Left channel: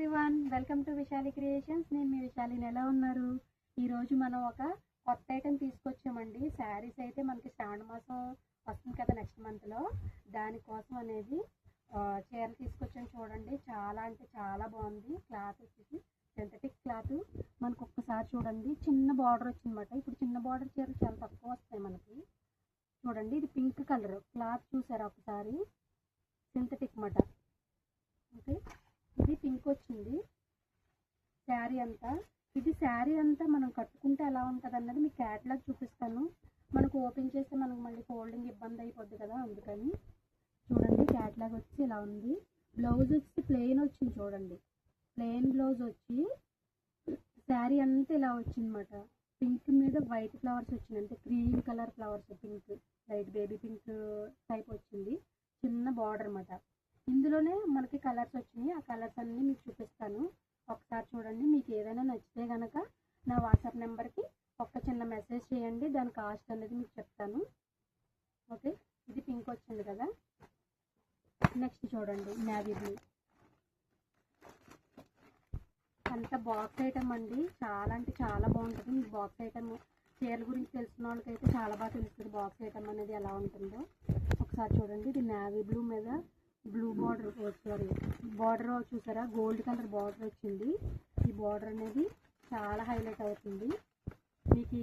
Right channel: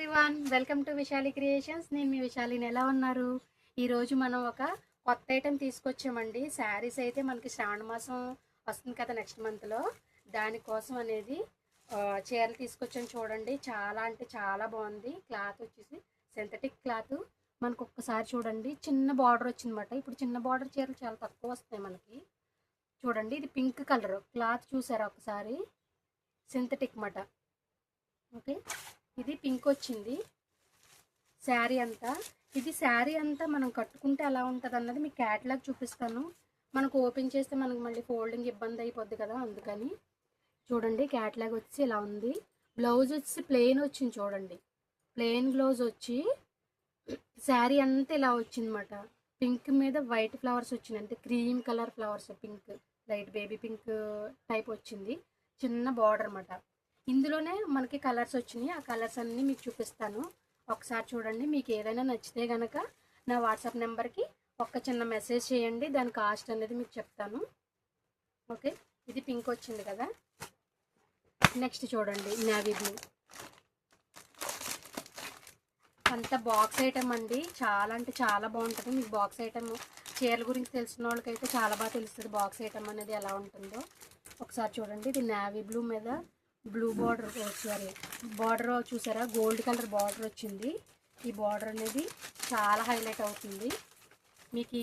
Everyone, welcome to Vishali creations. నేను మీ విశాలిని. ఎలా ఉన్నారు? ఈరోజు మనం ఒక కొత్త ఐటెం తీసుకొచ్చామండి. శారీస్ అయితే మనకి శ్రావణ మాసం వస్తుంది కదా, నెక్స్ట్ మంత్లో. దానికోసం అనేది చీరలు తీసుకొచ్చాను. చూడండి, చాలా అంటే చాలా బాగుంది. క్లాత్ వచ్చేసి సింథటిక్ క్లాత్. మనకు ఒక్కసారి చూడండి, చిన్న బార్డర్ వచ్చిందన్నమాట. ఇప్పుడు చిన్న బార్డర్ చీరలు చాలా తక్కువ వస్తాయి మనకి. చూడండి, ఇది పింక్ కలర్ క్లాత్. చూసారా ఒకసారి? సింథటిక్ మాట. ఓకే, ఇది పింక్ వచ్చింది శారీ అంతా. ఇది శారీ అంతా మనం కట్టుకుంటే ఎలా ఉంటుంది అన్నది మీకు క్యాటలాగ్ చూపిస్తాను. మనకు ఓపెన్ చేస్తే మనకు మళ్ళీ ఫోల్డింగ్ ఇబ్బంది అయిపోద్ది కదా, అందుకని. చూడండి, క్యాటలాగ్ వచ్చి ఇలా ఉంది. బ్లౌజ్ వచ్చి ప్లెయిన్ వచ్చింది. చూడండి, ప్లెయిన్ బ్లౌజ్ వచ్చి శారీ అంతా ఇలా వచ్చిందన్నమాట. పింక్ మీద వైట్ ఫ్లవర్స్ వచ్చినాయి, అంటే cream colour flowers. Pink, light baby pink type వచ్చింది. చిన్న బార్డర్ అన్నమాట. ఇందులోనే మనకి కలర్స్ వచ్చినాయి. ఆ కలర్స్ అన్నీ మీకు చూపిస్తాను. ఒకసారి చూడండి. మీకు ఏదైనా నచ్చితే కనుక నా వాట్సాప్ నెంబర్కి ఒక చిన్న మెసేజ్ చేయండి. దాని కాస్ట్ అనేది మీకు చెప్తాను. ఓకే, ఇది పింక్ వచ్చింది కదా. నెక్స్ట్ చూడండి, నేవీ బ్లూ. అంత బాక్స్ ఐటమ్ అండి. చాలా అంటే చాలా బాగుంటుంది. మీకు బాక్స్ ఐటమ్ చీరల గురించి తెలిసిన వాళ్ళకైతే చాలా బాగా తెలుస్తుంది బాక్స్ ఐటమ్ అనేది ఎలా ఉంటుందో. ఒకసారి చూడండి, ఇది నేవీ బ్లూ మీద బ్లూ బార్డర్. సారీ, బార్డర్ చూసారా? గోల్డ్ కలర్ బార్డర్ వచ్చింది. ఈ బార్డర్ అనేది చాలా హైలైట్ అవుతుంది. మీకు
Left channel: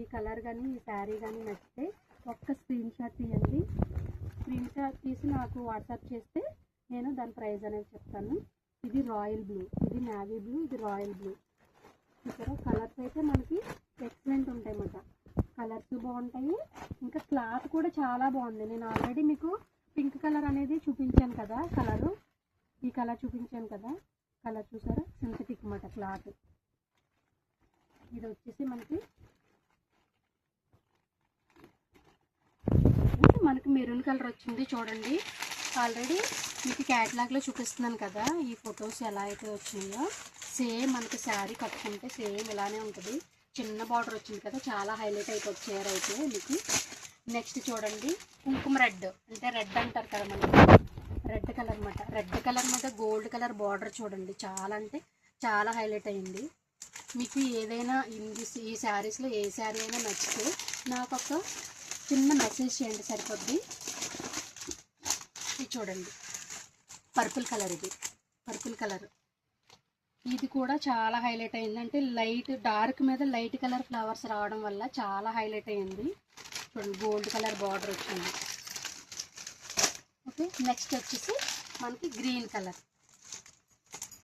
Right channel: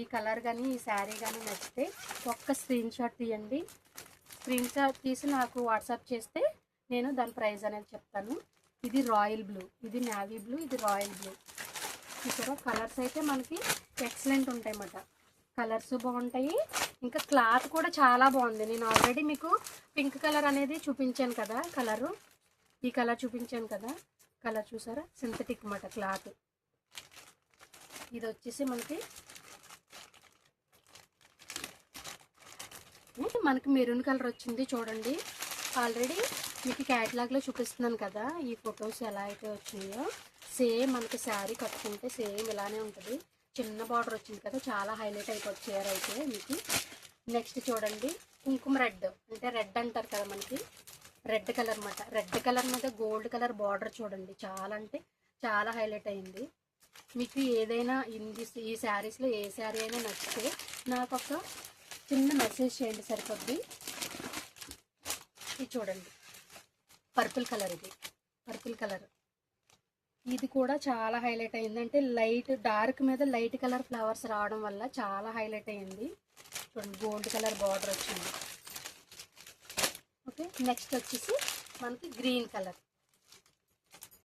ఈ కలర్ కానీ ఈ శారీ కానీ నచ్చితే ఒక్క స్క్రీన్ షాట్ తీయండి. స్క్రీన్ షాట్ తీసి నాకు వాట్సాప్ చేస్తే నేను దాని ప్రైస్ అనేది చెప్తాను. ఇది రాయల్ బ్లూ, ఇది నేవీ బ్లూ, ఇది రాయల్ బ్లూ. చూసారా? కలర్స్ అయితే మనకి ఎక్సలెంట్ ఉంటాయి అన్నమాట. కలర్స్ బాగుంటాయి, ఇంకా క్లాత్ కూడా చాలా బాగుంది. నేను ఆల్రెడీ మీకు పింక్ కలర్ అనేది చూపించాను కదా, కలరు. ఈ కలర్ చూపించాను కదా, కలర్ చూసారా? సింథటిక్ అన్నమాట క్లాత్. ఇది వచ్చేసి మనకి మెరూన్ కలర్ వచ్చింది. చూడండి, ఆల్రెడీ మీకు క్యాటలాగ్లో చూపిస్తున్నాను కదా, ఈ ఫొటోస్ ఎలా అయితే వచ్చినాయో సేమ్ మనకి శారీ కట్టుకుంటే సేమ్ ఇలానే ఉంటుంది. చిన్న బార్డర్ వచ్చింది కదా, చాలా హైలైట్ అయిపోతుంది చీర అయితే మీకు. నెక్స్ట్ చూడండి, కుంకుమ రెడ్, అంటే రెడ్ అంటారు కదా మనకి, రెడ్ కలర్ అన్నమాట. రెడ్ కలర్ మీద గోల్డ్ కలర్ బార్డర్ చూడండి, చాలా అంటే చాలా హైలైట్ అయింది. మీకు ఏదైనా ఈ శారీస్లో ఏ శారీ అయినా నచ్చితే నాకు ఒక చిన్న మెసేజ్ చేయండి, సరిపోద్ది. ఇది చూడండి, పర్పుల్ కలర్. ఇది పర్పుల్ కలర్. ఇది కూడా చాలా హైలైట్ అయింది. అంటే లైట్ డార్క్ మీద లైట్ కలర్ ఫ్లవర్స్ రావడం వల్ల చాలా హైలైట్ అయింది. చూడండి, గోల్డ్ కలర్ బార్డర్ వచ్చింది. ఓకే, నెక్స్ట్ వచ్చేసి మనకి గ్రీన్ కలర్.